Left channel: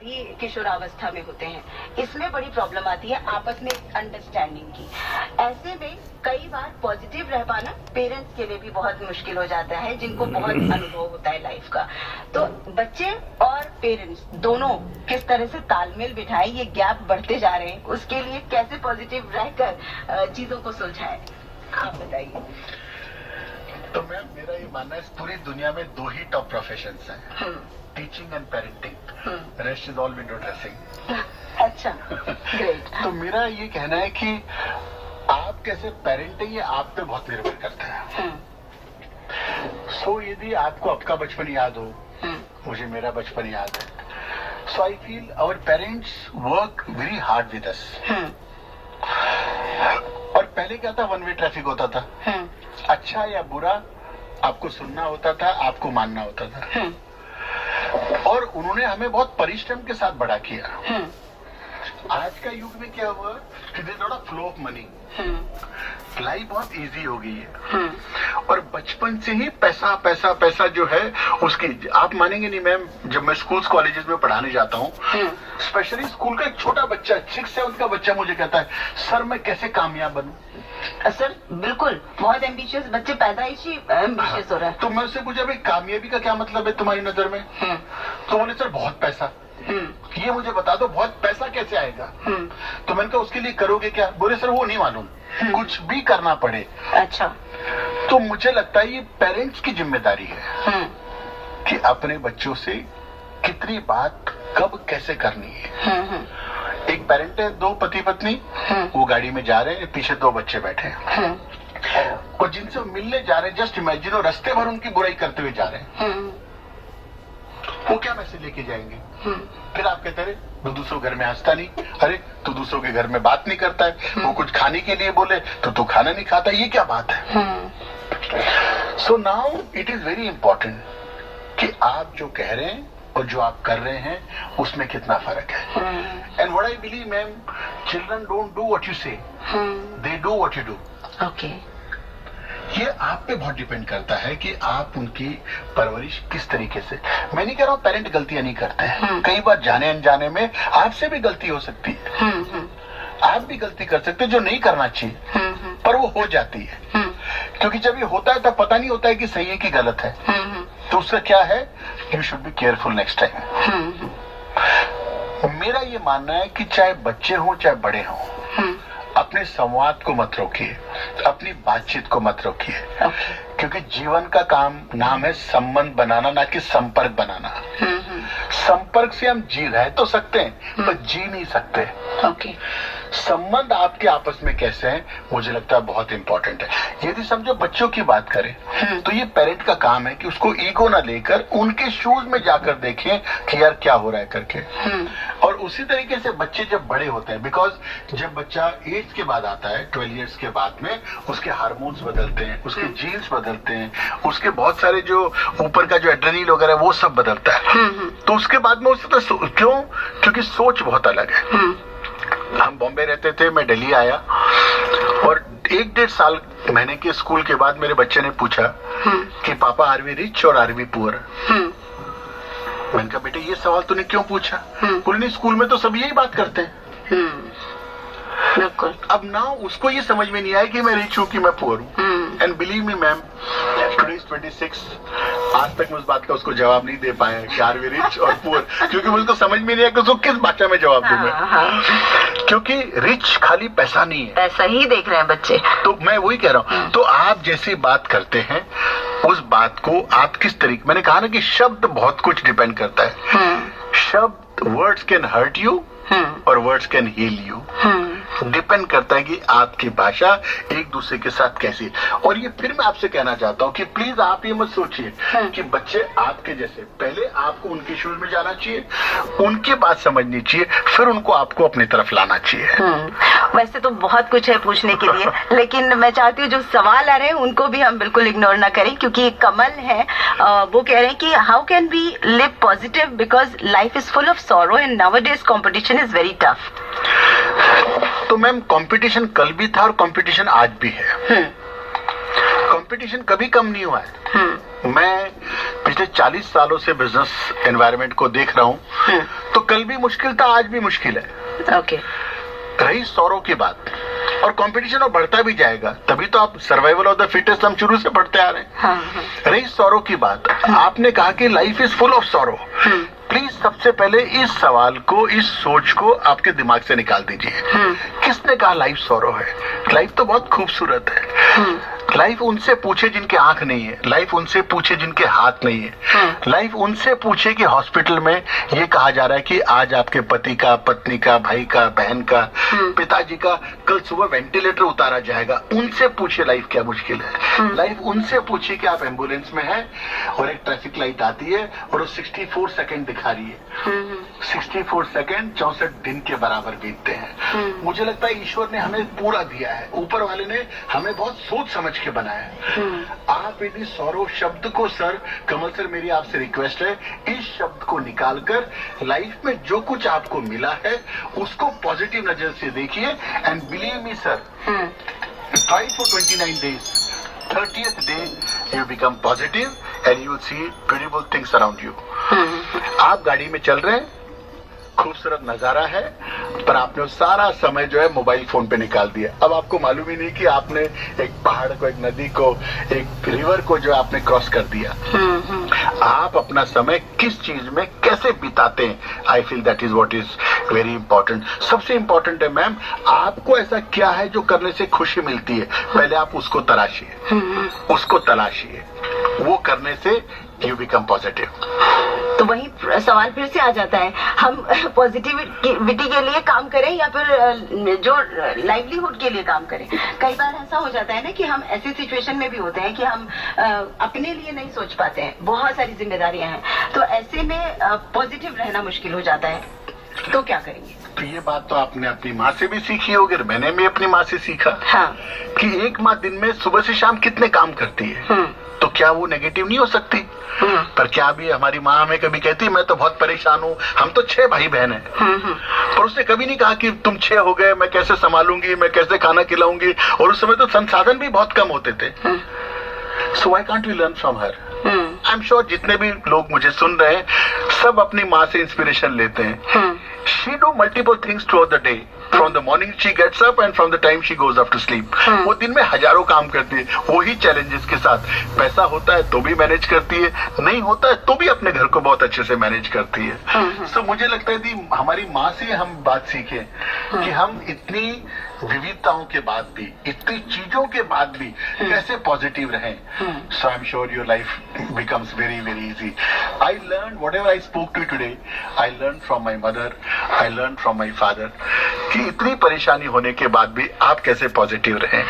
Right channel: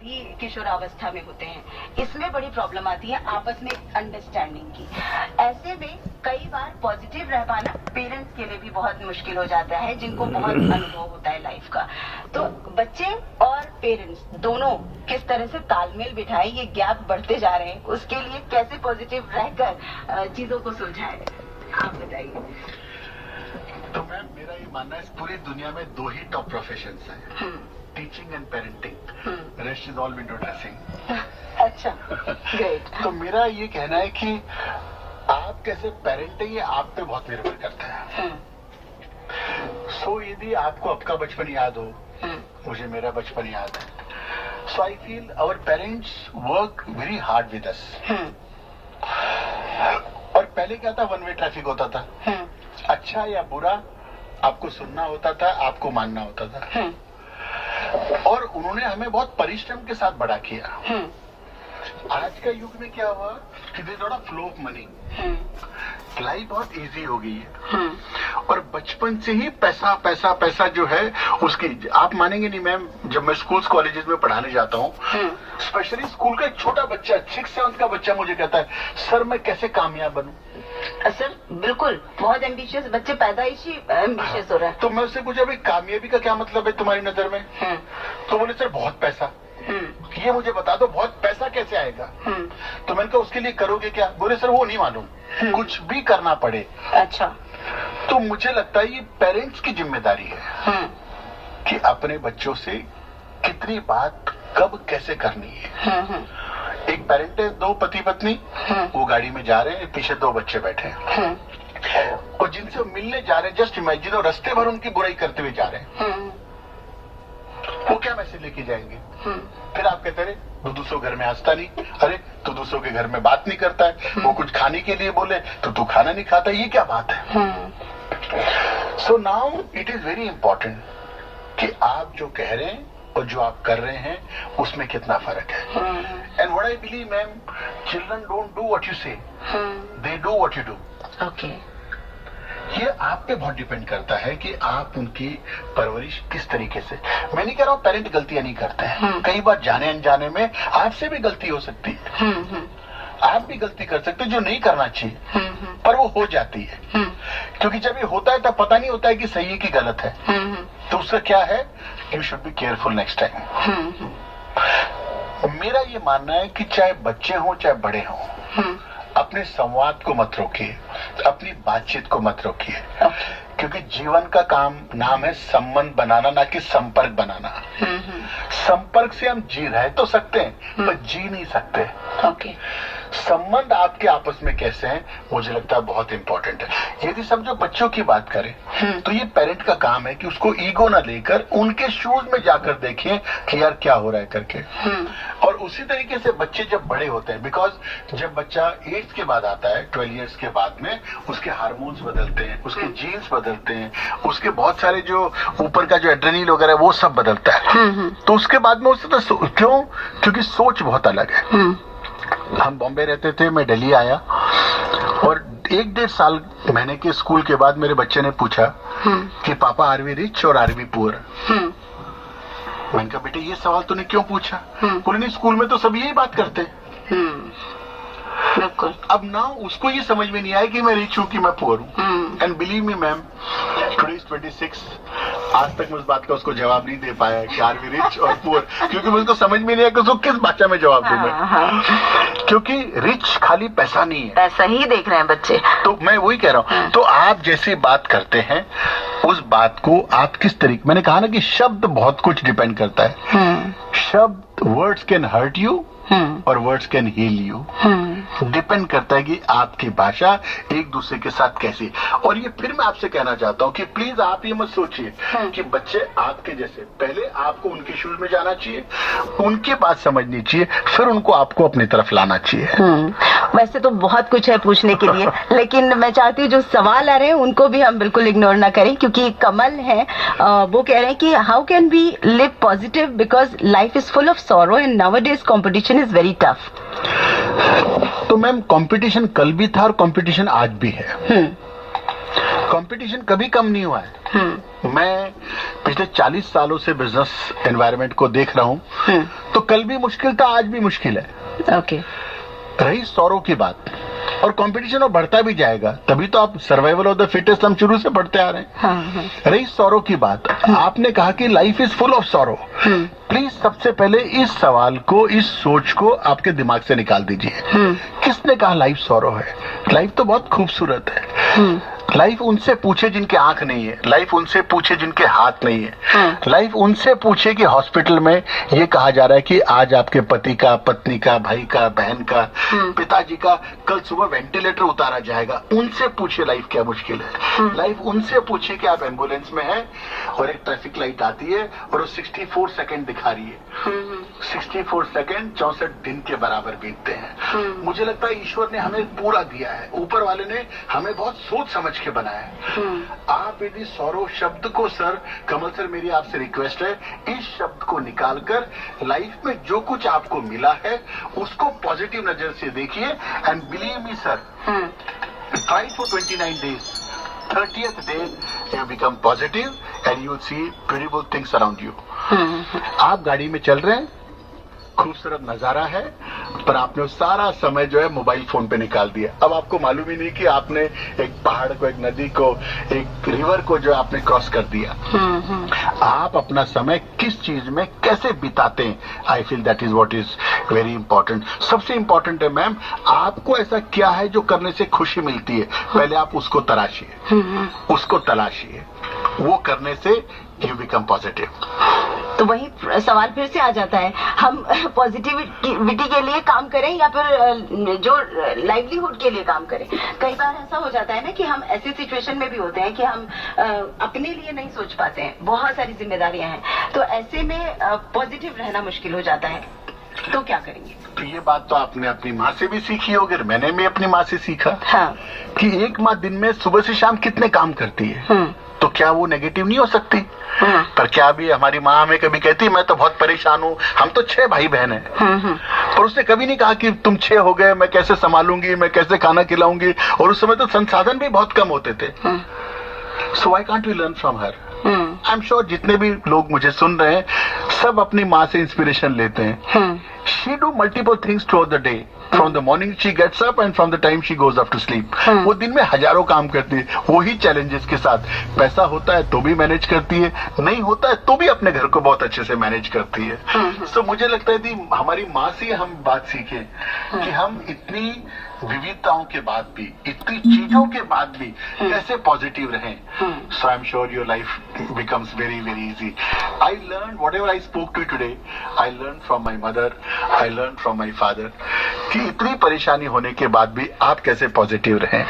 भी किशोरावस्था में होते हैं, इसमें बड़ी प्रॉब्लम आती है आपस में अंडरस्टैंडिंग की। ऐसे में कई बार पॉजिटिव रह पाना पेरेंट्स के लिए भी बहुत मुश्किल हो जाता है, जिनको बहुत अनुभव होता है लाइफ का। तो बच्चे और पेरेंट्स दोनों किस तरह से तालमेल बिठाए, ये गैप बढ़ते जा रहे हैं, उसके लिए कैसे पॉजिटिव रहकर चीजों को सुलझाएं, आप बताइए। तो मैम, मेरा ये मानना है इस पूरी दुनिया में दो ही टॉप प्रोफेशंस हैं, teaching and parenting. Rest is all window dressing. अच्छा, ग्रेट। तो मेरा ये कहना है कि आप कैसे पेरेंट है ये आप पे बहुत निर्भर करता है। सो यदि आपको आपका बचपन याद हो, मुझे मेरा बचपन याद है, so I feel our parents work very hard with us. और पहले क्या था, वन वे ट्रैफिक होता था, अच्छा या बुरा आपको सुनना होता था, आपको मानना होता था। और उन्होंने हमें बहुत परिश्रम के साथ बड़ा किया। आज का युग में क्या हुआ कि there is not a flow of money, life बहुत इजी हो गई है। और बचपन से ही पैसा पैसा पैसा जो है उसकी, आप मानेंगे नहीं मैम, जब मैं स्कूल्स कॉलेजेस में पढ़ाने जाता हूँ, स्पेशली स्कूल का एक छोटा बच्चा 6-7 का बच्चा मुझे कहता है, सर मैं कैसे कामयाब बनूं। सर बिल्कुल, बहुत एम्बिशियस बच्चे पैदाइशी एम्बिशियस हो रहा है। तो मैं उससे पूछा, भाई कामयाबी का क्या मतलब है तुम्हारी नजर में? तो बोले सर बहुत पैसा। ये मुझे बता दो बहुत पैसा कैसे आएगा? तो मैंने कहा उसके लिए करोगे क्या? बोले सर वो नहीं मालूम, कुछ भी करना पड़े। अच्छा। तो मुझे लगता है ये पेरेंट्स की जिम्मेदारी है कि अपने बच्चों से कितनी बात कब कैसे करनी है। एक पेरेंट है, दो पति पत्नी, वो गाड़ी में जा रहे हैं, पीछे दो बच्चे बैठे हैं और जिनसे वो मिलने जा रहे हैं, जस्ट इमेजिन, और रास्ते भर उनकी बुराई करते हुए जा रहे हैं, वो क्या मैसेज लेके जाएंगे? फिर आप कहते रहे वो दूसरों घर में हंसता नहीं, अरे तू दूसरों के घर में बात नहीं करता है, वो कुछ खाने के लिए बोले तो तू खाना नहीं खाता, ये क्या बात है? So now it is very important कि आप जो कह रहे हैं और जो आप कर रहे हैं उसमें कितना फर्क है। And what I believe ma'am, children don't do what you say, they do what you do. Okay. ये आप पे बहुत डिपेंड करता है कि आप उनकी परवरिश किस तरीके से। मैं नहीं कह रहा हूँ पेरेंट गलतियां नहीं करते हैं, कई बार जाने अनजाने में आपसे भी गलती हो सकती है, आप भी गलती कर सकते हैं जो नहीं करना चाहिए, पर वो हो जाती है। क्योंकि जब ये होता है तब पता नहीं होता है कि सही है कि गलत है। तो उसका क्या है, you should be careful next time. मेरा ये मानना है कि चाहे बच्चे हों चाहे बड़े हों, अपने संवाद को मत रोकिए, अपनी बातचीत को मत रोकिए। क्योंकि जीवन का काम नाम है संबंध बनाना, ना कि संपर्क बनाना। संपर्क से हम जी रह तो सकते हैं पर जी नहीं सकते। संबंध आपके आपस में कैसे हैं, मुझे लगता है बहुत इंपॉर्टेंट है। यदि समझो बच्चों की बात करें तो ये पेरेंट का काम है कि उसको ईगो ना लेकर उनके शूज में जाकर देखें कि यार क्या हो रहा है करके। और उसी तरीके से बच्चे जब बड़े होते हैं, बिकॉज जब बच्चा एज के बाद आता है, 12 इयर्स के बाद में उसके हार्मोन्स बदलते हैं, उसके जीन्स बदलते हैं, उसके बहुत सारे जो ऊपर का जो एड्रेनल वगैरह वो सब बदलता है। तो उसके बाद में उससे तो क्यों, क्योंकि सोच बहुत अलग है। हम बॉम्बे रहते थे, मैं दिल्ली आया और 1-1.5 साल महीने के स्कूल के बाद मेरे बच्चे ने पूछा कि पापा आर वी रिच और आर वी पुअर? मैंने कहा बेटे ये सवाल तूने क्यों पूछा? बोले नहीं स्कूल में तो सब यही बात करते। बिल्कुल। अब ना उसको ये समझ में नहीं आया कि मैं रिच हूँ कि मैं पुअर हूँ। And believe me ma'am, today is 26, आज तक मैं उस बात का उसको जवाब नहीं दे पाया कि आर वी रिच और पुअर, क्योंकि मुझको समझ में नहीं आया कि उसको किस भाषा में जवाब दूं मैं। क्योंकि रिच खाली पैसा नहीं है, पैसा ही देख रहे हैं बच्चे। तो मैं वही कह रहा हूँ। तो आप जैसे बात करते हैं उस बात को आप किस तरीके, मैंने कहा ना कि शब्द बहुत कुछ डिपेंड करता है। शब्द, वर्ड्स कैन हर्ट यू और words can heal you. Depend करता है कि आपकी भाषा एक दूसरे के साथ कैसी। और ये फिर मैं आपसे कहना चाहता हूँ कि प्लीज आप ये मत सोचिए कि बच्चे आपके जैसे, पहले आपको उनके शूज में जाना चाहिए, उनकी बात समझनी चाहिए, फिर उनको आपको अपनी तरफ लाना चाहिए। वैसे तो बहुत कुछ है पूछने के लिए, लेकिन मैं चाहती हूँ जो सवाल आ रहे हैं उनको भी हम बिल्कुल इग्नोर ना करें, क्योंकि कमल है वो कह रहे हैं कि how can we live positive because life is full of sorrow and nowadays competition is very tough. तो मैम कंपटीशन कल भी था और कंपटीशन आज भी है। कंपटीशन कभी कम नहीं हुआ है। मैं पिछले 40 सालों से बिजनेस एनवायरनमेंट को देख रहा हूँ, तो कल भी मुश्किल था, आज भी मुश्किल है। ओके। रही सौरों की बात, और कंपटीशन और बढ़ता भी जाएगा, तभी तो आप सर्वाइवल ऑफ द फिटेस्ट हम शुरू से पढ़ते आ रहे हैं। हाँ। रही सौरों की बात, आपने कहा कि life is full of sorrow. Please सबसे पहले इस सवाल को, इस सोच को आपके दिमाग से निकाल दीजिए। किसने कहा लाइफ सौरो है? लाइफ तो बहुत खूबसूरत है। लाइफ उनसे पूछे जिनके आंख नहीं है, लाइफ उनसे पूछे जिनके हाथ नहीं है, लाइफ उनसे पूछे कि हॉस्पिटल में ये कहा जा रहा है कि आज आपके पति का, पत्नी का, भाई का, बहन का, पिताजी का कल सुबह वेंटिलेटर उतारा जाएगा। उनसे पूछे लाइफ क्या मुश्किल है। लाइफ उनसे पूछे कि आप एम्बुलेंस में हैं और एक ट्रैफिक लाइट आती है और वो 64 सेकंड दिखा रही है। 64 सेकंड 64 दिन के बराबर बीतते हैं। मुझे लगता है ईश्वर ने हमें पूरा दिया है, ऊपर वाले ने हमें बहुत सोच समझ के बनाया है। आप यदि सौरव शब्द को, सर कमल सर मेरी आपसे रिक्वेस्ट है, इस शब्द को निकालकर लाइफ में जो कुछ आपको मिला है उसको पॉजिटिव नजर से देखिए। And believe me sir, try for 29 days, 30th day you become positive and you will see beautiful things around you। आप गाड़ी में चल रहे हैं, खूबसूरत नजारा है, पर आपने वो सारा समय जो है मोबाइल फोन पे निकाल दिया। अब आपको मालूम ही नहीं कि आपने एक पहाड़ को, एक नदी को, एक रिवर को जो आपने क्रॉस कर दिया। आप अपना समय किस चीज में कैसे बिताते हैं, I feel that is what is very important. सबसे इंपॉर्टेंट है मैम, आपको ऐसा क्या है जो करने से खुशी मिलती है, पहले आप उसको तलाशिए, उसको तलाशिए, वो करने से यू बिकम पॉजिटिव। तो वही सवाल फिर से आ जाता है, हम पॉजिटिविटी के लिए काम करें या फिर जो लाइवलीहुड के लिए काम करें। कई बार ऐसा हो जाता है ना कि हम ऐसी सिचुएशन में भी होते हैं कि हम अपने लिए नहीं सोच पाते हैं, बहुत सारी जिम्मेदारियां हैं, तो ऐसे में पॉजिटिव रहना मुश्किल हो जाता है, तो क्या करेंगे? तो ये बात तो आपने अपनी माँ से भी सीखी होगी, मैंने भी अपनी माँ से सीखा। हाँ। कि एक माँ दिन में सुबह से शाम कितने काम करती है, तो क्या वो नेगेटिव नहीं हो सकती? पर क्या भी हमारी माँ हमें कभी कहती मैं तो बहुत परेशान हूँ, हम तो 6 भाई बहन हैं, पर उसने कभी नहीं कहा कि तुम 6 हो गए, मैं कैसे संभालूंगी, मैं कैसे खाना खिलाऊंगी, और उस समय तो संसाधन भी बहुत कम होते थे। So why can't we learn from her? I am sure जितने भी लोग मुझे सुन रहे हैं सब अपनी माँ से इंस्पिरेशन लेते हैं। She do multiple things through the day, from the morning she gets up and from the time she goes off to sleep. वो दिन में हजारों काम करती है, वही चैलेंजेस के साथ। पैसा होता है तो भी मैनेज करती है, नहीं होता है तो भी अपने घर को बहुत अच्छे से मैनेज करती है। सो मुझे लगता है कि हमारी माँ से हम बात सीखें कि हम इतनी विविधताओं के बाद भी, इतनी चीजों के बाद भी कैसे पॉजिटिव रहें। So I am sure your life becomes very very easy. I learned whatever I spoke to you today, I learned from my mother, I learned from my father कि इतनी परेशानी होने के बाद भी आप कैसे पॉजिटिव रहें।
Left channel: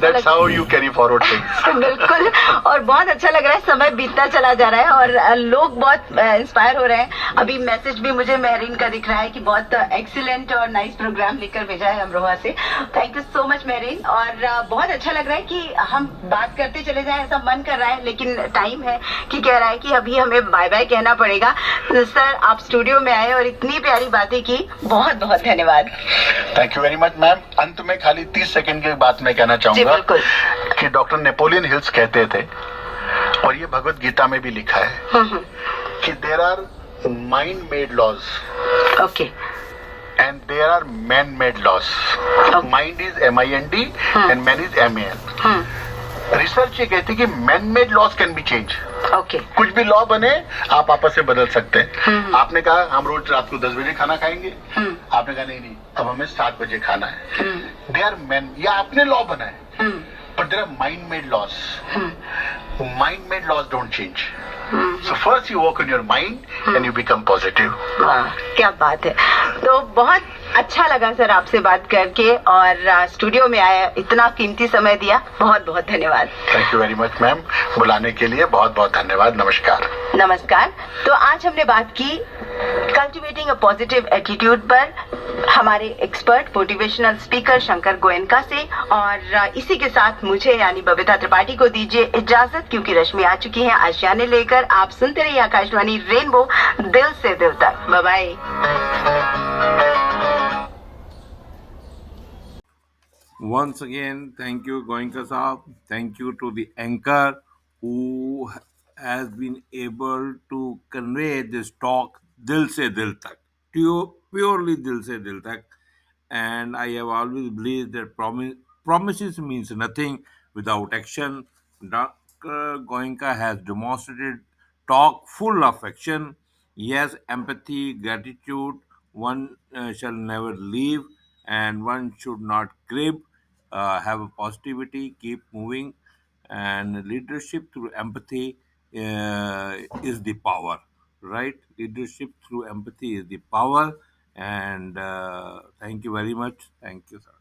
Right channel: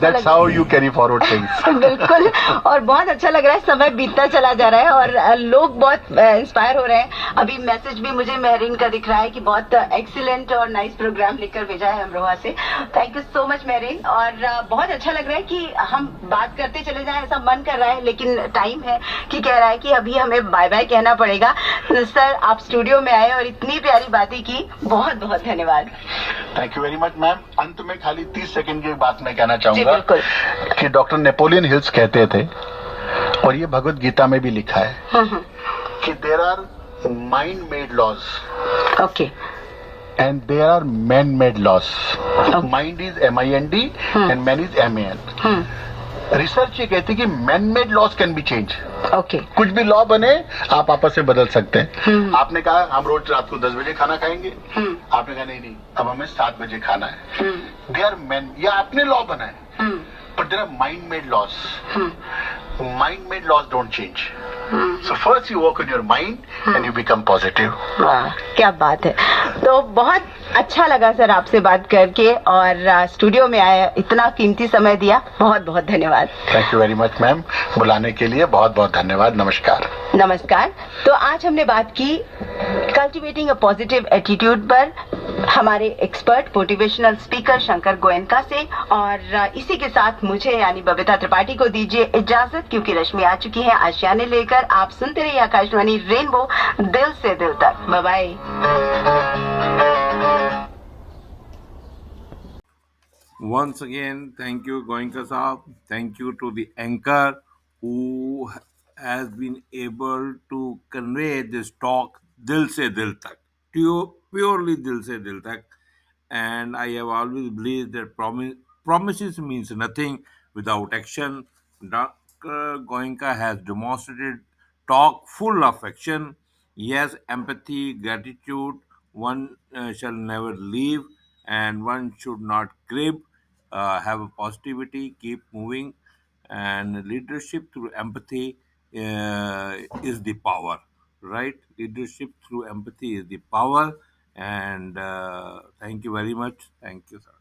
That's how you carry forward things। बिल्कुल, और बहुत अच्छा लग रहा है, समय बीतता चला जा रहा है और लोग बहुत इंस्पायर हो रहे हैं। अभी मैसेज भी मुझे मेहरीन का दिख रहा है कि बहुत एक्सीलेंट और नाइस प्रोग्राम लेकर भेजा है अमरोहा से। Thank you so much Mehreen, और बहुत अच्छा लग रहा है कि हम बात करते चले जाएं, ऐसा मन कर रहा है, लेकिन टाइम है कि कह रहा है कि अभी हमें बाय बाय कहना पड़ेगा। सर आप स्टूडियो में आए और इतनी प्यारी बातें की, बहुत बहुत धन्यवाद। Thank you very much ma'am. अंत में खाली 30 सेकंड की बात मैं कहना चाहूंगा कि डॉक्टर नेपोलियन हिल्स कहते थे, और ये भगवत गीता में भी लिखा है कि there are mind made laws okay and there are man made laws। Mind is MIND and man is MAN। Research ये कहती है कि man made laws can be change. Okay, कुछ भी लॉ बने आप आपस में बदल सकते हैं। आपने कहा हम रोज रात को 10 बजे खाना खाएंगे, आपने कहा नहीं अब हमें 7 बजे खाना है। दे आर मैन, या आपने लॉ बनाए, but there are mind made laws. Mind made laws don't change. So first you work on your mind and you become positive। वाह क्या बात है। तो बहुत अच्छा लगा सर आपसे बात करके, और स्टूडियो में आया, इतना कीमती समय दिया, बहुत बहुत धन्यवाद। Thank you very much ma'am, बुलाने के लिए बहुत बहुत धन्यवाद। नमस्कार। नमस्कार। तो आज हमने बात की कल्टिवेटिंग अ पॉजिटिव एटीट्यूड पर हमारे expert motivational speaker Shankar Goenka से, और इसी के साथ मुझे यानी बबीता त्रिपाठी को दीजिए इजाजत, क्योंकि रश्मि आ चुकी है आशियाने लेकर। आप सुनते रहिए आकाशवाणी रेनबो, दिल से दिल तक। Bye bye. Once again, thank you, Goenka Saab. Thank you to the anchor who has been able to convey this talk dil se dil tak, purely dil se dil tak. And I have always believed that promises means nothing without action. Dr. Goenka has demonstrated talk full of action. Yes, empathy, gratitude, one shall never leave, and one should not crib. Have a positivity, keep moving, and leadership through empathy is the power, right? Leadership through empathy is the power, and thank you very much. Thank you, sir.